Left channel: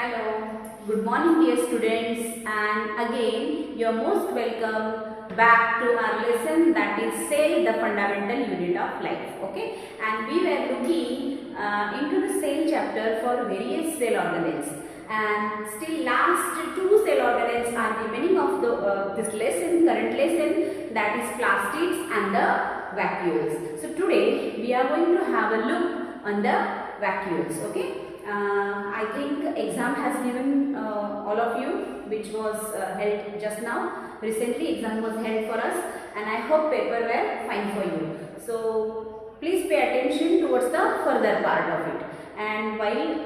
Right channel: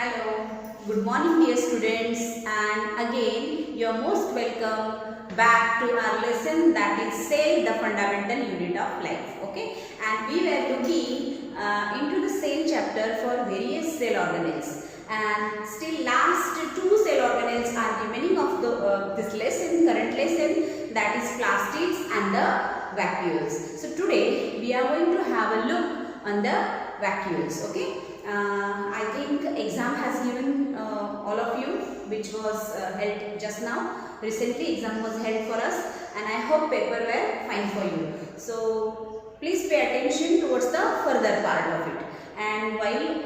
Hello, good morning dear students, and again you are most welcome back to our lesson, that is cell, the fundamental unit of life. Okay, and we were looking into the cell chapter for various cell organelles, and still last two cell organelles are remaining of this lesson, current lesson, that is plastids and the vacuoles. So today we are going to have a look on the vacuoles. Okay. I think exam has given all of you, which was held just now. Recently exam was held for us, and I hope paper were fine for you. So please pay attention towards the further part of it, and while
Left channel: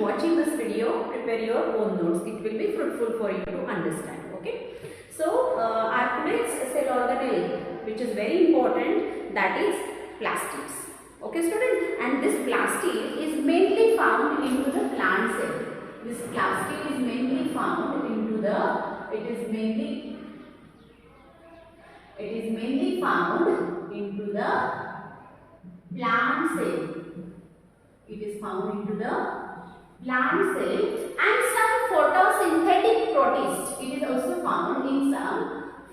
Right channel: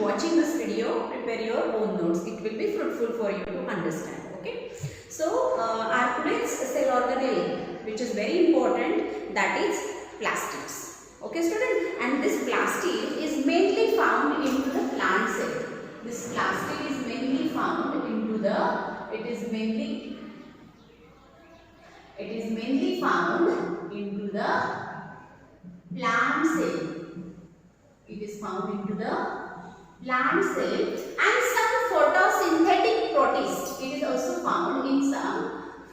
watching this video, prepare your own notes. It will be fruitful for you to understand. Okay. So our today's cell organelle, which is very important, that is plastids. Okay student, and this plastid is mainly found into the plant cell. This plastid is mainly found into the, it is mainly found into the plant cell. It is found into the plant cell and some photosynthetic protist. It is also found in some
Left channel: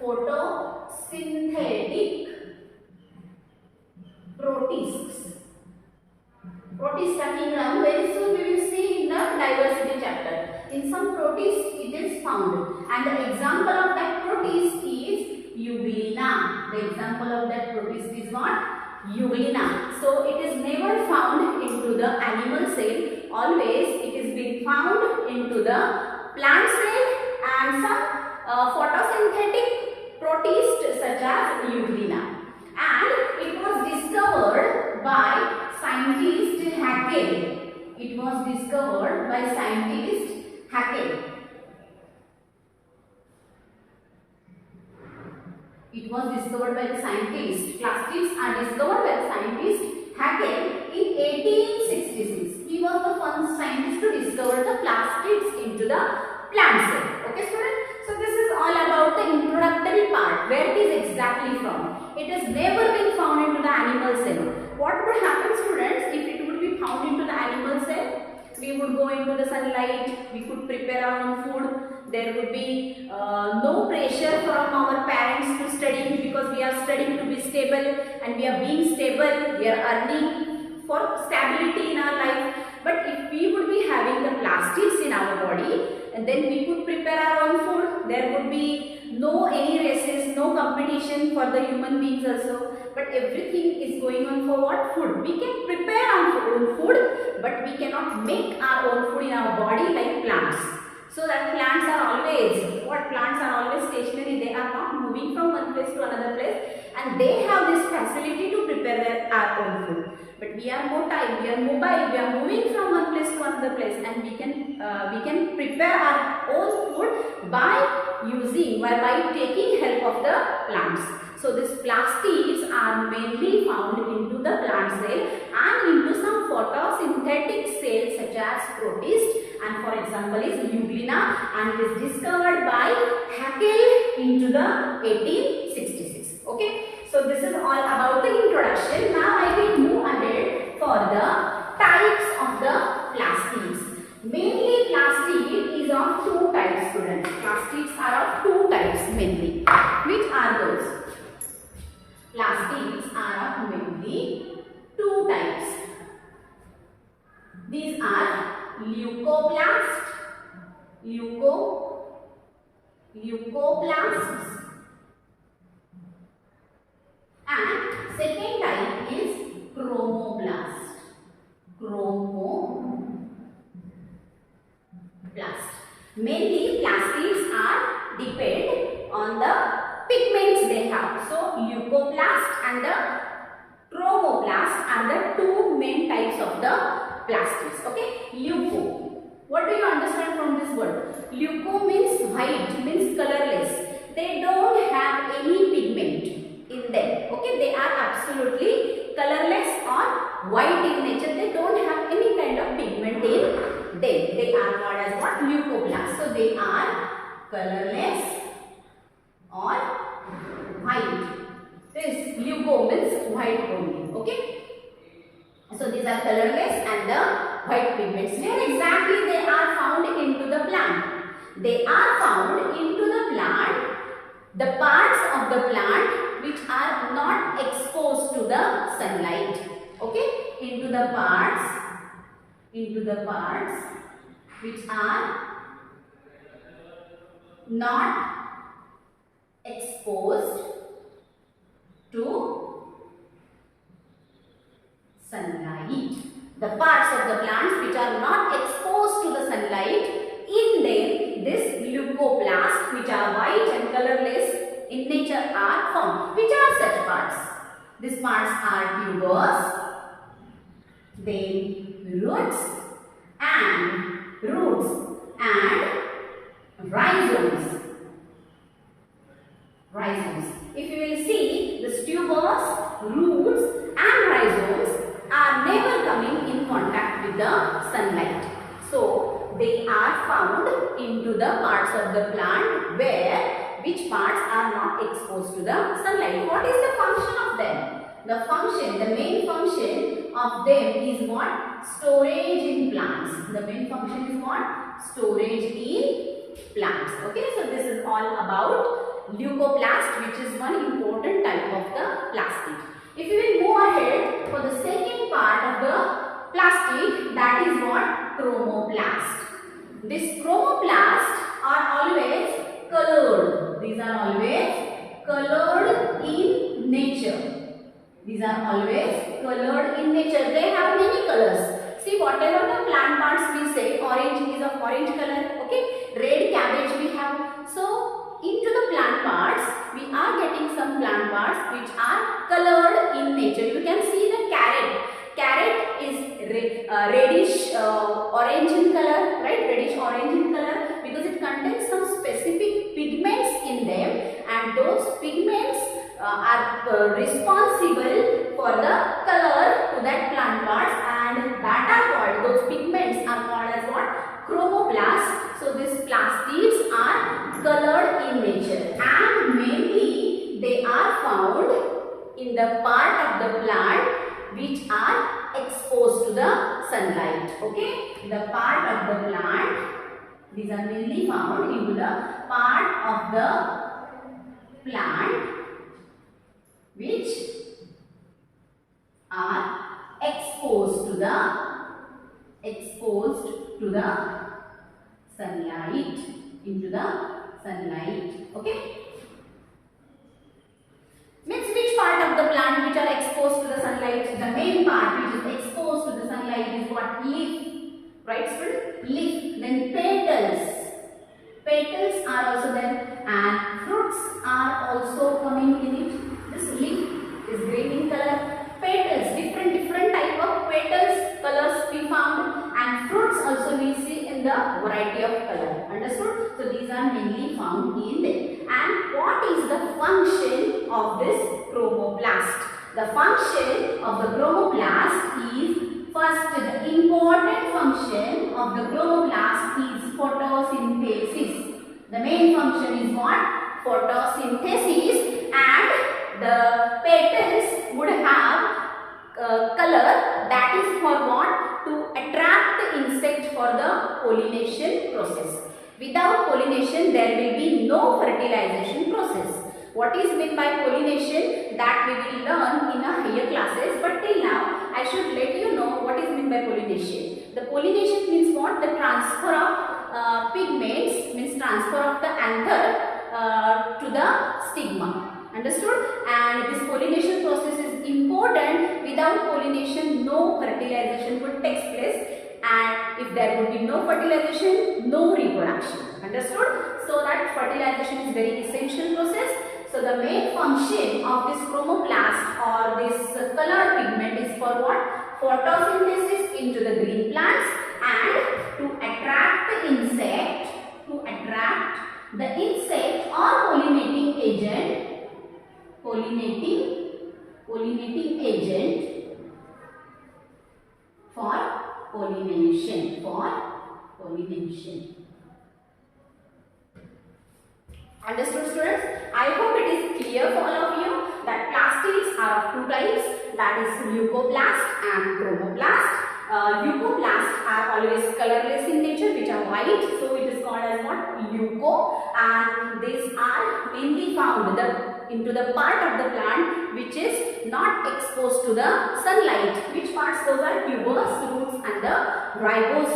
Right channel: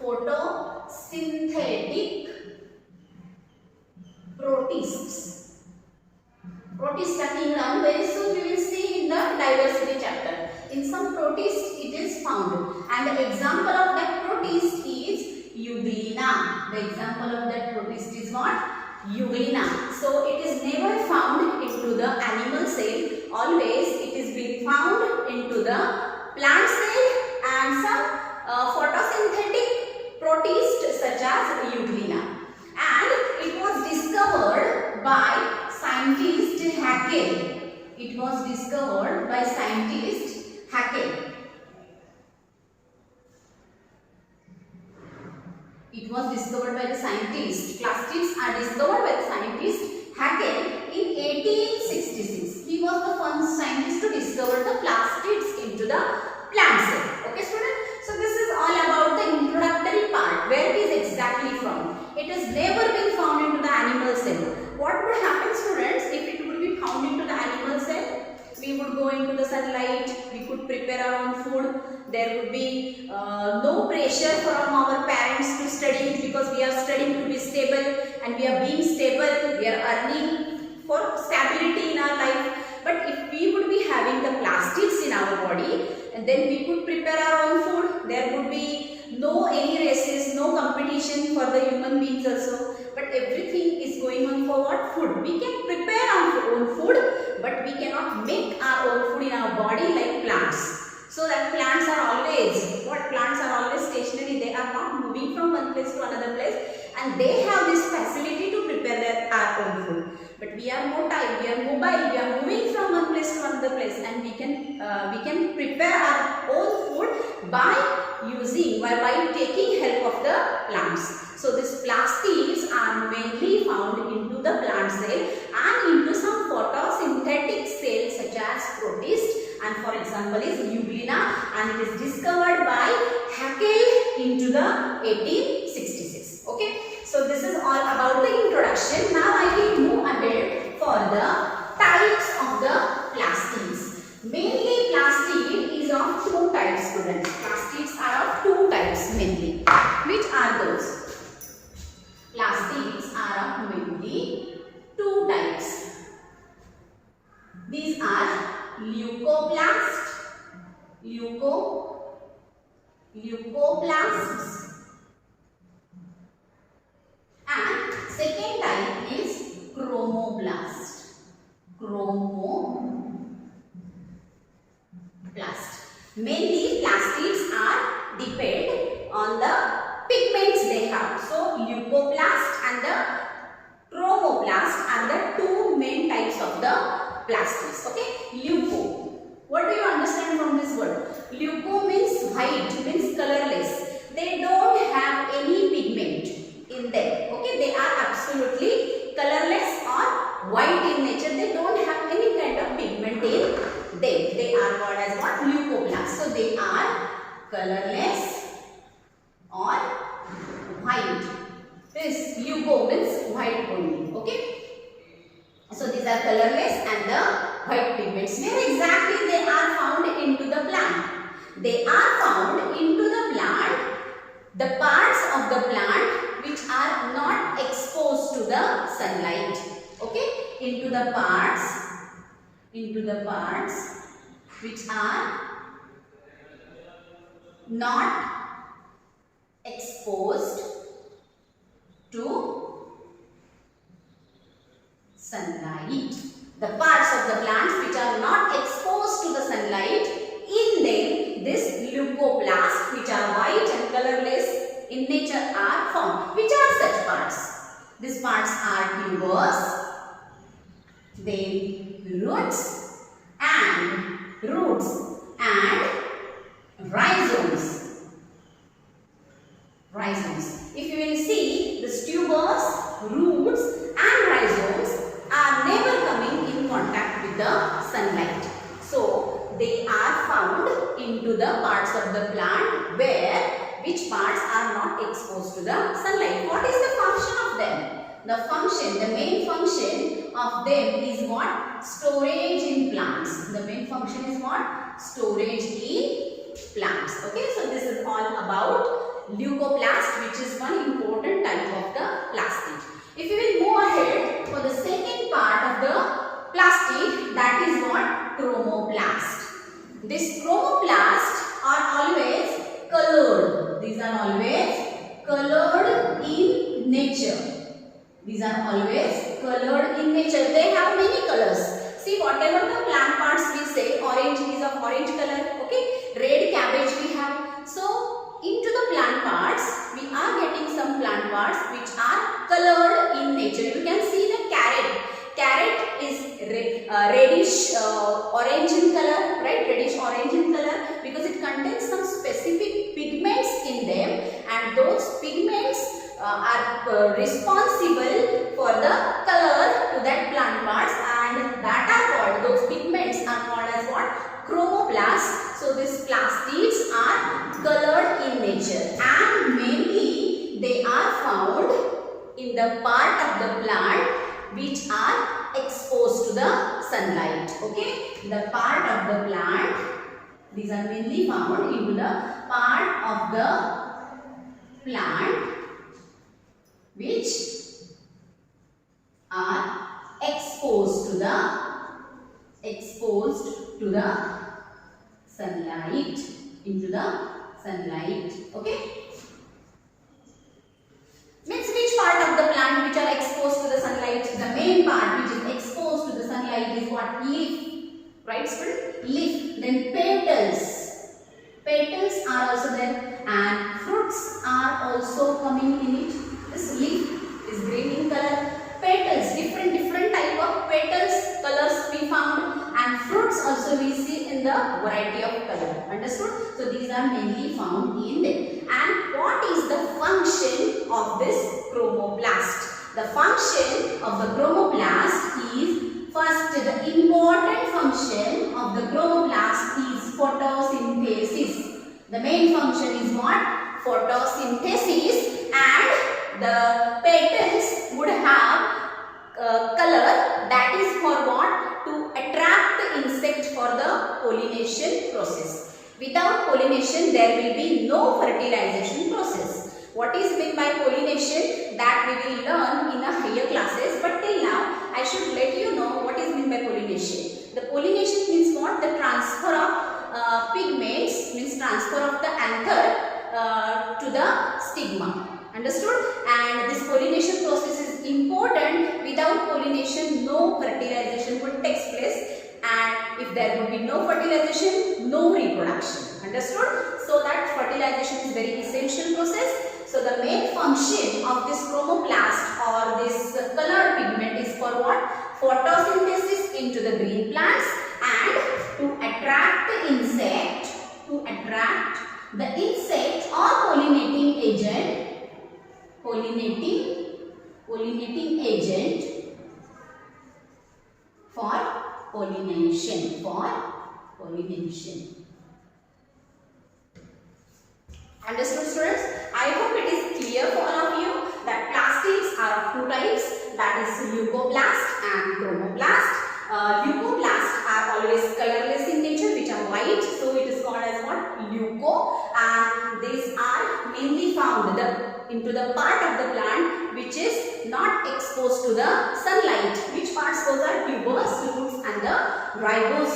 photosynthetic protists. Protist kingdom, very soon we will see in the diversity chapter. In some protists it is found, and the example of that protist is Euglena. The example of that protist is what? Euglena. So it is never found into the animal cell. Always it is being found into the plant cell and some photosynthetic protist such as Euglena. And it was discovered by scientist Haeckel. It was discovered by scientist Haeckel. It was discovered by the scientist. Plastids are discovered by the scientist Haeckel in 1866. He was the first scientist to discover the plastids into the plant cell. Okay, student? So this is all about the introductory part, where it is exactly from. It has never been found into the animal cell. What would happen, students, if it would be found into the animal cell? We would go into the sunlight, we could prepare our own food, there would be no pressure from our parents to study, because we are studying to be stable, and we are being stable, we are earning for stability in our life. But if we would be having the plastids in our body, and then we could prepare our own food, there would be no any races, no competition for the human beings also, but everything is going on for what? Food. We can prepare our own food, but we cannot make our own food in our body like plants. So that plants are always, what? Plants are always stationary. They are not moving from one place to another place, and they have this facility to prepare our own food. But we are mobile, we are moving from one place to another place, and we can prepare our own food by taking help of the plants. So these plastids are mainly found into the plant cell and into some photosynthetic cells such as protists, and for example is Euglena, and it is discovered by Haeckel into the 1866. Okay. So this is all about the introduction. Now I will move ahead for the types of the plastids. Mainly plastid is of two types, students. Plastids are of two types mainly. Which are those? Plastids are of mainly two types. These are leucoplasts. And second type is chromoblast. Mainly plastids are depend on the pigments they have. So leucoplast and the chromoblast are the two main types of the plastids. Okay, leuco. What do you understand from this word? Leuco means white, means colorless. They don't have any pigment in them. Okay, they are absolutely colorless or white in nature. They don't have any kind of pigment in them. They are called as what? Leucoplasts. So they are colorless or white. This leuco means white only. Okay. So these are colorless and the white pigments. Where exactly they are found into the plant? They are found into the plant, the parts of the plant which are not exposed to the sunlight. Okay, into the parts which are not exposed to sunlight. The parts of the plants which are not exposed to the sunlight, in them this leucoplast, which are white and colorless in nature, are found. Which are such parts? These parts are tubers, then roots and rhizomes. If you will see, the tubers, roots and rhizomes are never coming in contact with the sunlight. So they are found into the parts of the plant which parts are not exposed to the sunlight. What is the function of them? The main function of them is what? Storage in plants. The main function is what? Storage in plants. Okay, so this is all about leucoplast, which is one important type of the plastid. If you will move ahead for the second part of the plastid, that is what? Chromoblast. These chromoplasts are always colored. These are always colored in nature. They have many colors. See, whatever the plant parts we say, orange is of orange color. Okay, red cabbage we have. So into the plant parts, we are getting some plant parts which are colored in nature. You can see the carrot. Carrot is reddish orange in color, right? Reddish orange in color, because it contains some specific pigments in them, and those pigments are responsible for the color to that plant parts, and that are called, those pigments are called as what? Chromoblast. So these plastids are colored in nature, and mainly they are found in the part of the plant which are exposed to the sunlight. Okay, the part of the plant, these are mainly found into the part of the plant which are exposed to the sunlight, into the sunlight. Okay, means which part of the plant which are exposed to the sunlight? The main part which is exposed to the sunlight is what? Leaf, right student? Leaf. Then petals are also there, and fruits are also coming in it. This leaf is green in color. Petals, different type of petals colors we found, and fruits also we see in the variety of color. Understood? So these are mainly found in them. And what is the function of this chromoblast? The function of the chromoblast is, first, the important function of the chromoblast is photosynthesis. The main function is what? Photosynthesis, and the petals would have color, that is for what? To attract the insect for the pollination process. Without pollination, there will be no fertilization process. What is meant by pollination? That we will learn in a higher classes, but till now I should let you know what is meant by pollination. The pollination means what? The transfer of pigments, means transfer of the anther to the stigma. Understood? And this pollination process is important. Without pollination, no fertilization would take place, and if there would be no fertilization, no reproduction. Understood? So that fertilization is very essential process. So the main function of this chromoplast or this colored pigment is for what? Photosynthesis into the green plants, and to attract the insect, or pollinating agent for pollination. Understood, students? I hope it is clear for all of you that plastids are of two types, that is leucoplast and chromoblast. Leucoplasts are always colorless in nature, which are white, so it is called as what? Leuco. And these are mainly found into the part of the plant which is not exposed to the sunlight. Which parts? Those are tubers, roots and the rhizomes.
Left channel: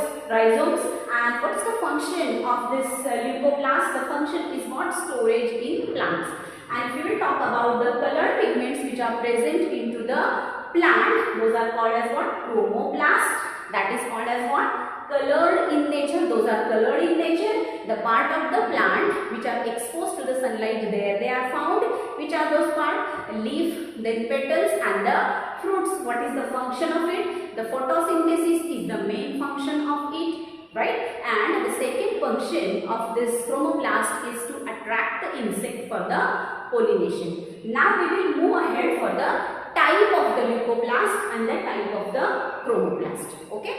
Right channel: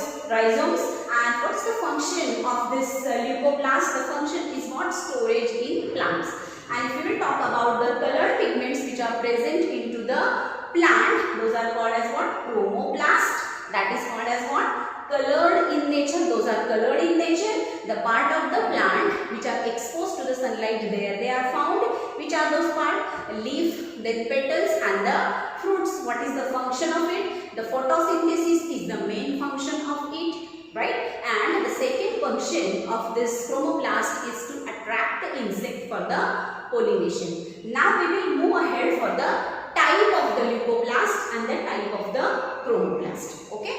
And what is the function of this leucoplast? The function is what? Storage in plants. And if you will talk about the colored pigments which are present into the plant, those are called as what? Chromoblast. That is called as what? Colored in nature. Those are colored in nature. The part of the plant which are exposed to the sunlight, there they are found. Which are those parts? Leaf, then petals and the fruits. What is the function of it? The photosynthesis is the main function of it. Right? And the second function of this chromoblast is to attract the insect for the pollination. Now we will move ahead for the type of the leucoplast and the type of the chromoplast. Okay?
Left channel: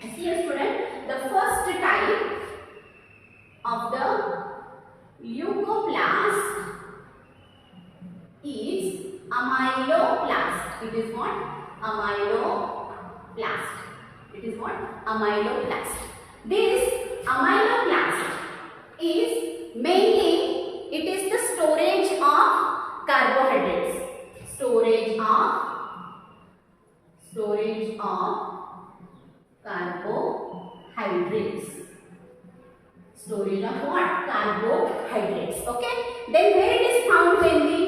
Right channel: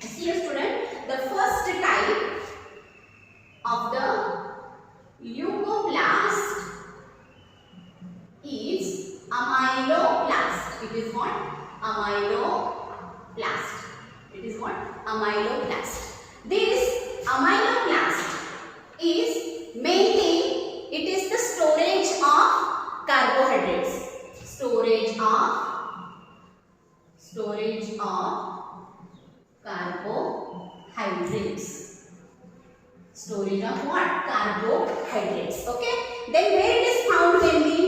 See here, student, the first type of the leucoplast is amyloplast. It is what? Amyloplast. It is what? Amyloplast. This amyloplast is mainly, it is the storage of carbohydrates. Storage of carbohydrates. Storage of what? Carbohydrates. Okay. Then where it is found mainly?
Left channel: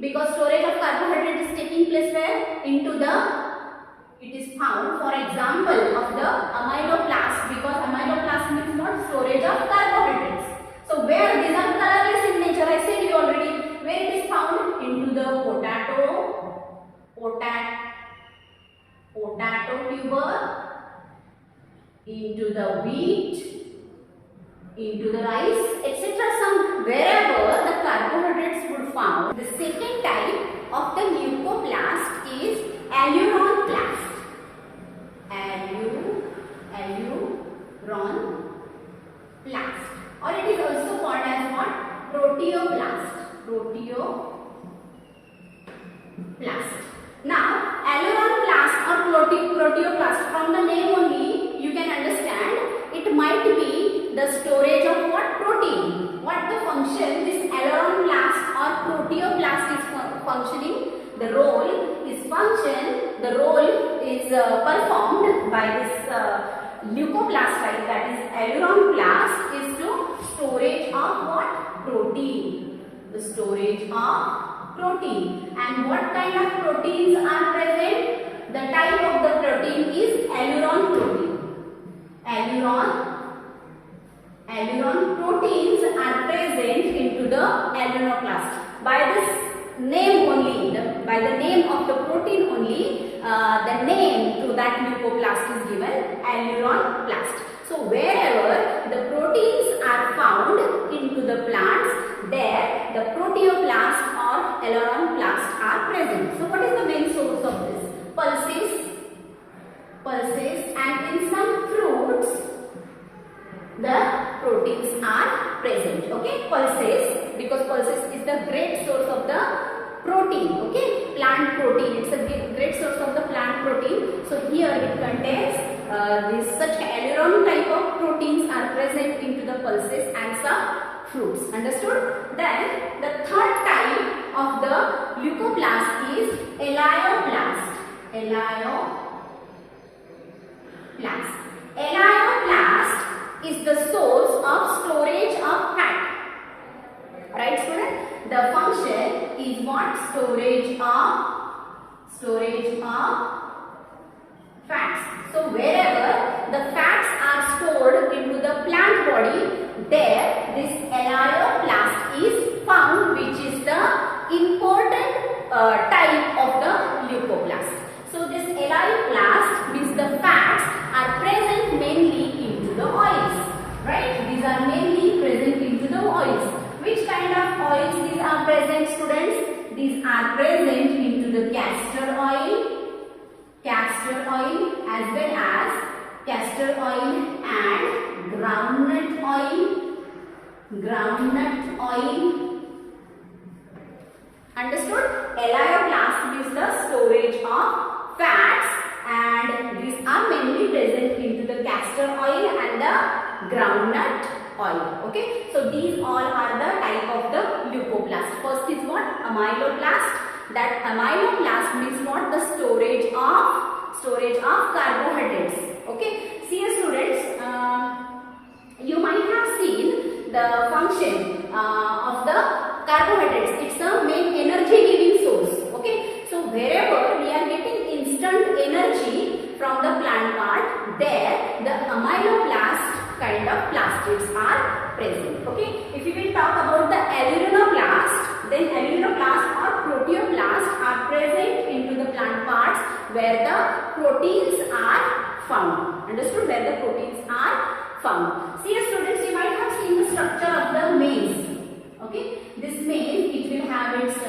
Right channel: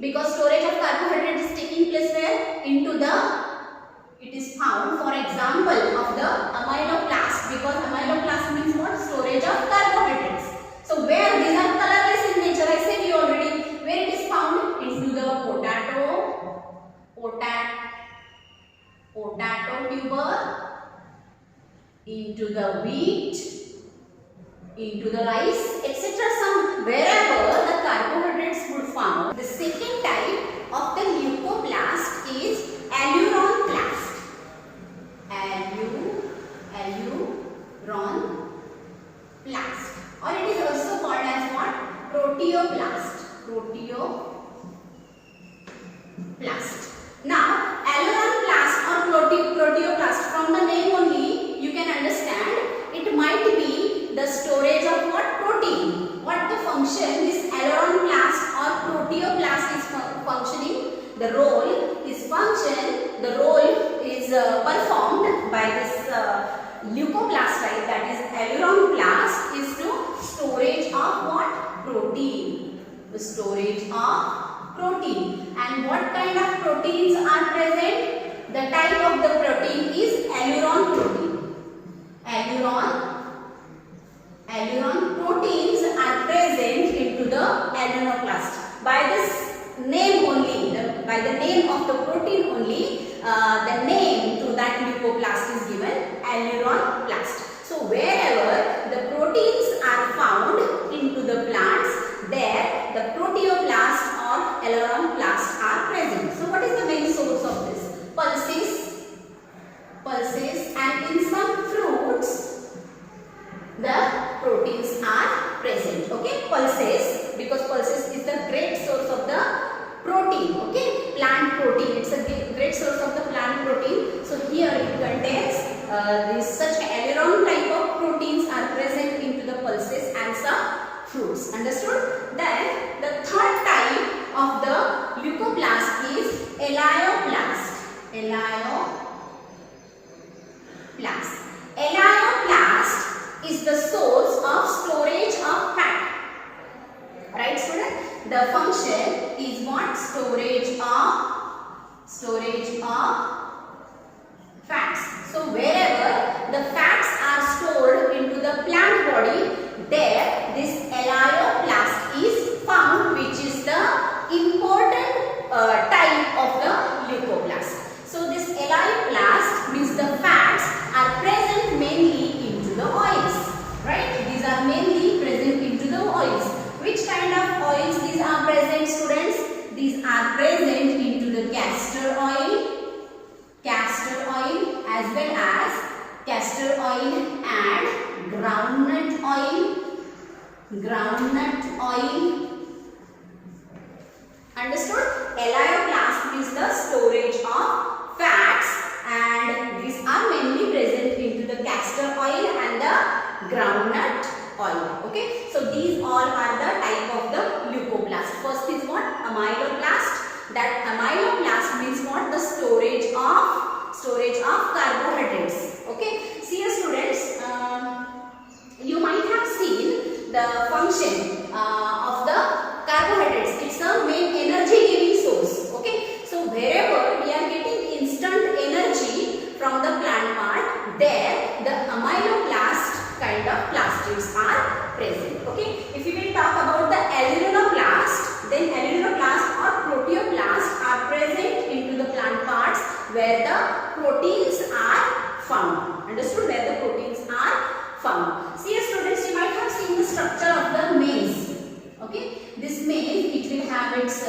Because storage of carbohydrates is taking place where? Into the, it is found, for example, of the amyloplast, because amyloplast means what? Storage of carbohydrates. So where these are colorless in nature, I said you already, where it is found? Into the potato tuber, into the wheat, into the rice, etc. Some wherever the carbohydrates would found. The second type of the leucoplast is aleuronplast. Aleuronplast, or it is also called as what? Proteoplast. Now, aleuronplast or proteoplast, from the name only you can understand it might be the storage of what? Protein. What the function this aleuronplast or proteoplast is functioning? The role is performed by this leucoplast type, that is aleuronplast, is to storage of what? Protein. The storage of protein. And what kind of proteins are present? The type of the protein is aleuron protein. Aleuron proteins are present into the aleuroplast. By this name only, by the name of the protein only, the name to that leucoplast is given aleuronplast. So wherever the proteins are found into the plants, there the proteoplast or aleuronplast are present. So what is the main source of this? Pulses, and in some fruits the proteins are present. Okay, pulses, because pulses is the great source of the protein. Okay, plant protein, it's a great source of the plant protein. So here it contains such aleuron type of proteins are present into the pulses and some fruits. Understood? Then the third type of the leucoplast is alioplast. Alioplast is the source of storage of fat. Right, student? The function is what? Storage of fats. So wherever the fats are stored into the plant body, there this alioplast is found, which is the important type of the leucoplast. So this alioplast means the fats are present mainly into the oils. Right? These are mainly present into the oils. Which kind of oils these are present, students? These are present into the castor oil as well as castor oil and groundnut oil, groundnut oil. Understood? Amyloplast means the storage of fats, and these are mainly present into the castor oil and the groundnut oil. Okay, so these all are the type of the leucoplast. First is what? Amyloplast. That amyloplast means what? The storage of carbohydrates. Okay, see students, you might have seen the function of the carbohydrates. It's the main energy giving source. Okay, so wherever we are getting instant energy from the plant part, there the amyloplast kind of plastids are present. Okay, if you will talk about the alluroplast, then alluroplast or proteoplast are present into the plant parts where the proteins are found. Understood? Where the proteins are found. See students, you might have seen the structure of the maize. Okay, this maize, it will have its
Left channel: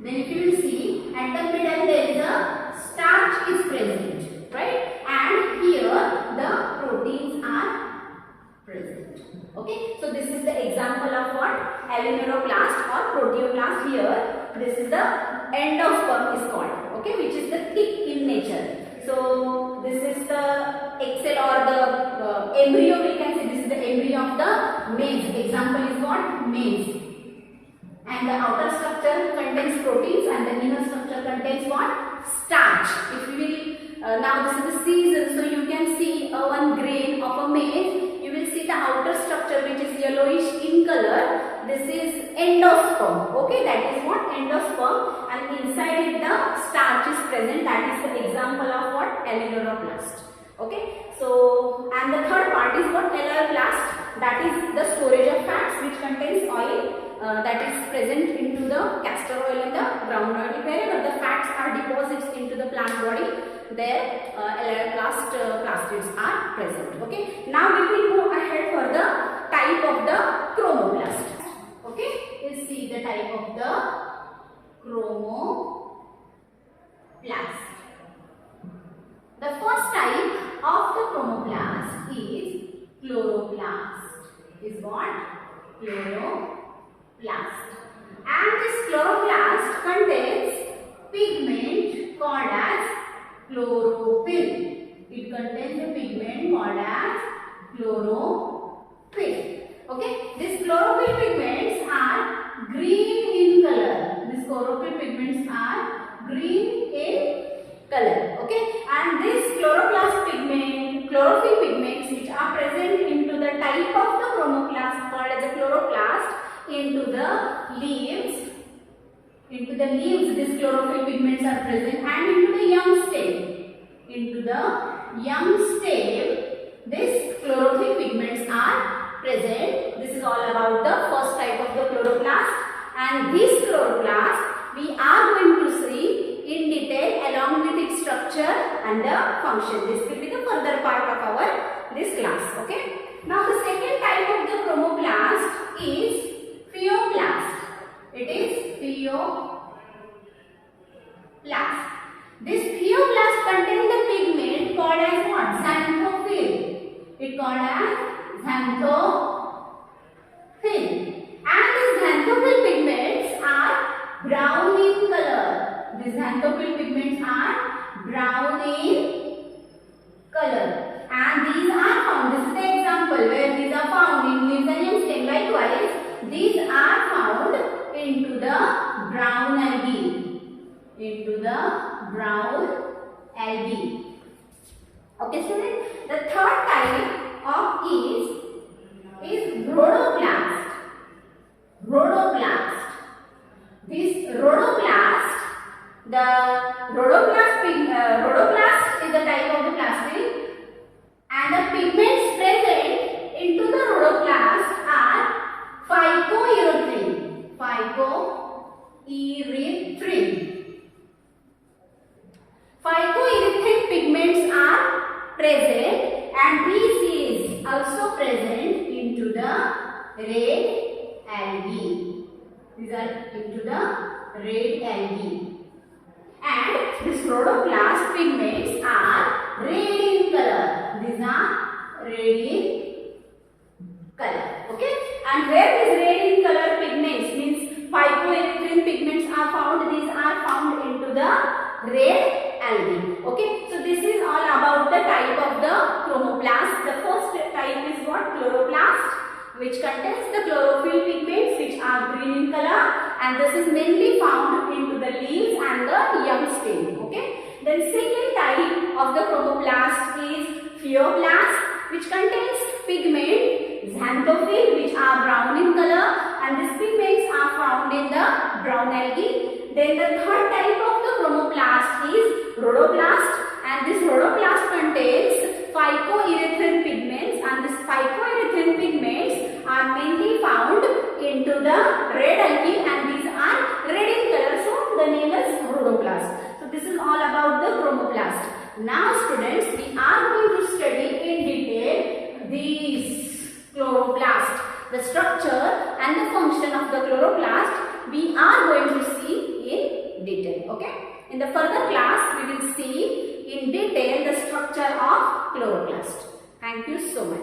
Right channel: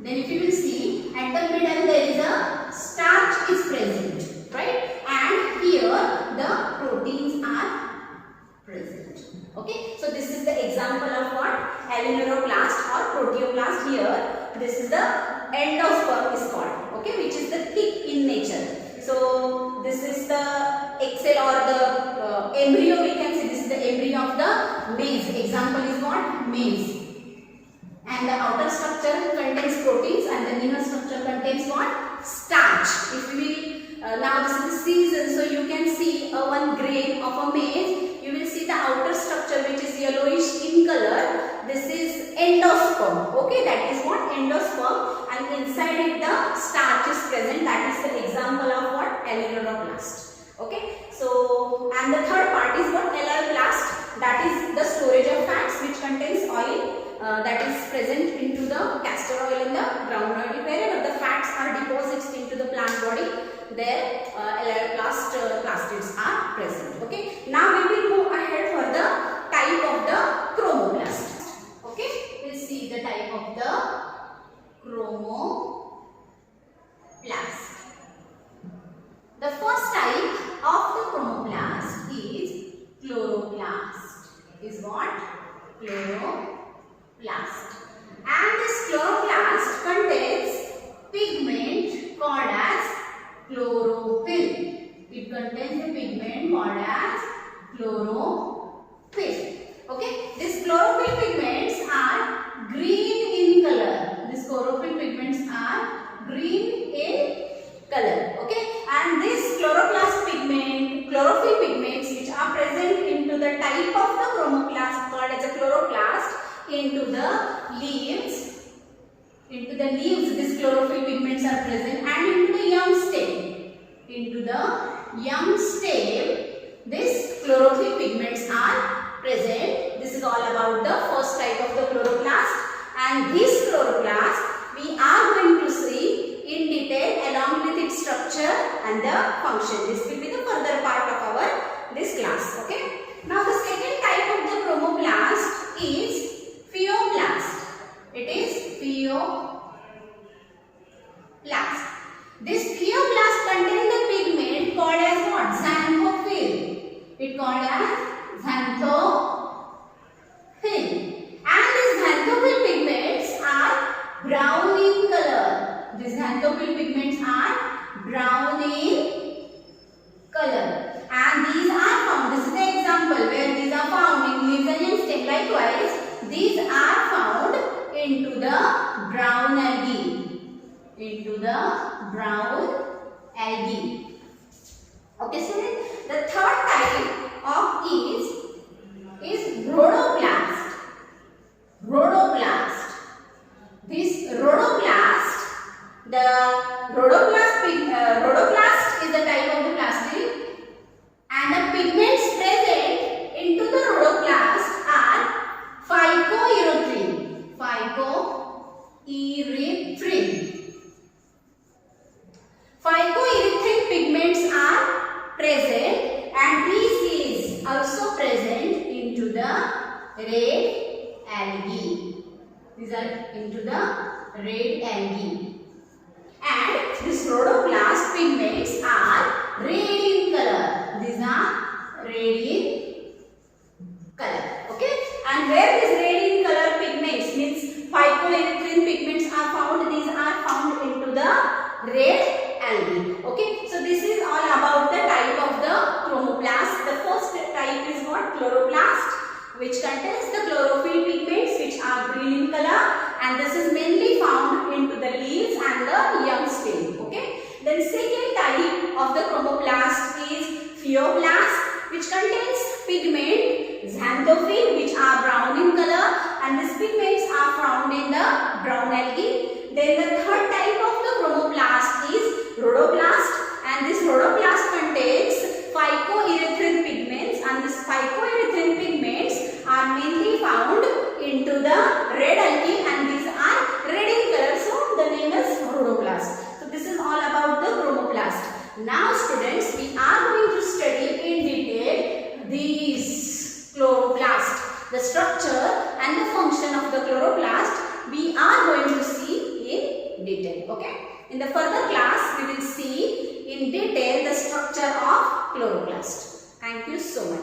then if you will see at the middle there is a starch is present, right? And here the proteins are present. Okay, so this is the example of what? Alluroplast or proteoplast. Here this is the endosperm is called, okay, which is the thick in nature. So this is the excell or the embryo, we can say this is the embryo of the maize. Example is what? Maize. And the outer structure contains proteins and the inner structure contains what? Starch. If we now this is the season, so you can see one grain of a maize. You will see the outer structure which is yellowish in color. This is endosperm. Okay, that is what? Endosperm, and inside it the starch is present. That is the example of what? Alluroplast. Okay, so and the third part is what? Alloplast. That is the storage of fats which contains oil. That is present into the castor oil and the groundnut oil. Wherever the fats are deposits into the plant body, there plastids are present. Okay. Now we will go ahead for the type of the chromoblast. Okay. We'll see the type of the chromoblast. The first type of the chromoblast is chloroplast. Is what? Chloroplast. And this chloroplast contains pigment called as chlorophyll. It contains a pigment called as chlorophyll. Okay, these chlorophyll pigments are green in color. These chlorophyll pigments are green in color. Okay, and this chlorophyll pigments which are present into the type of the chromoplast called as a chloroplast, into the leaves, these chlorophyll pigments are present, and into the young stem, these chlorophyll pigments are present. This is all about the first type of the chloroplast, and this chloroplast we are going to see in detail along with its structure and the function. This will be the further part of this class. Okay. Now the second type of the chromoblast is Pheoblast. It is Pheoblast. This Pheoblast contains the pigment called as what? Xanthophyll. It called as Xanthophyll. And these Xanthophyll pigments are brown in color. These Xanthophyll pigments are brown in color. And these are found. This is the example where these are found in leaves and in stem. Likewise, these are found into the brown algae. Okay, students. The third type of is rhodoplast. This rhodoplast, rhodoplast is the type of the plastid, and the pigments present into the rhodoplast are phycoerythrin. Phycoerythrin pigments are present, and this is also present into the red algae. These are into the red algae. And this rhodoplast pigments are red in color. These and this is mainly found into the leaves and the young stem. Okay. Then second type of the chromoblast is Pheoblast, which contains pigment xanthophyll, which are brown in color, and these pigments are found in the brown algae. Then the third type of the chromoblast is Rhodoblast, and this Rhodoblast contains phycoerythrin pigments, and these phycoerythrin pigments are mainly found into the red algae, and these are red in color, so the name is Rhodoblast. So this is all about the chromoblast. Now students, we are going to study in detail these chloroplast, the structure and the function of the chloroplast we are going to see in detail. Okay. In the further class, we will see in detail the structure of chloroplast. Thank you so much.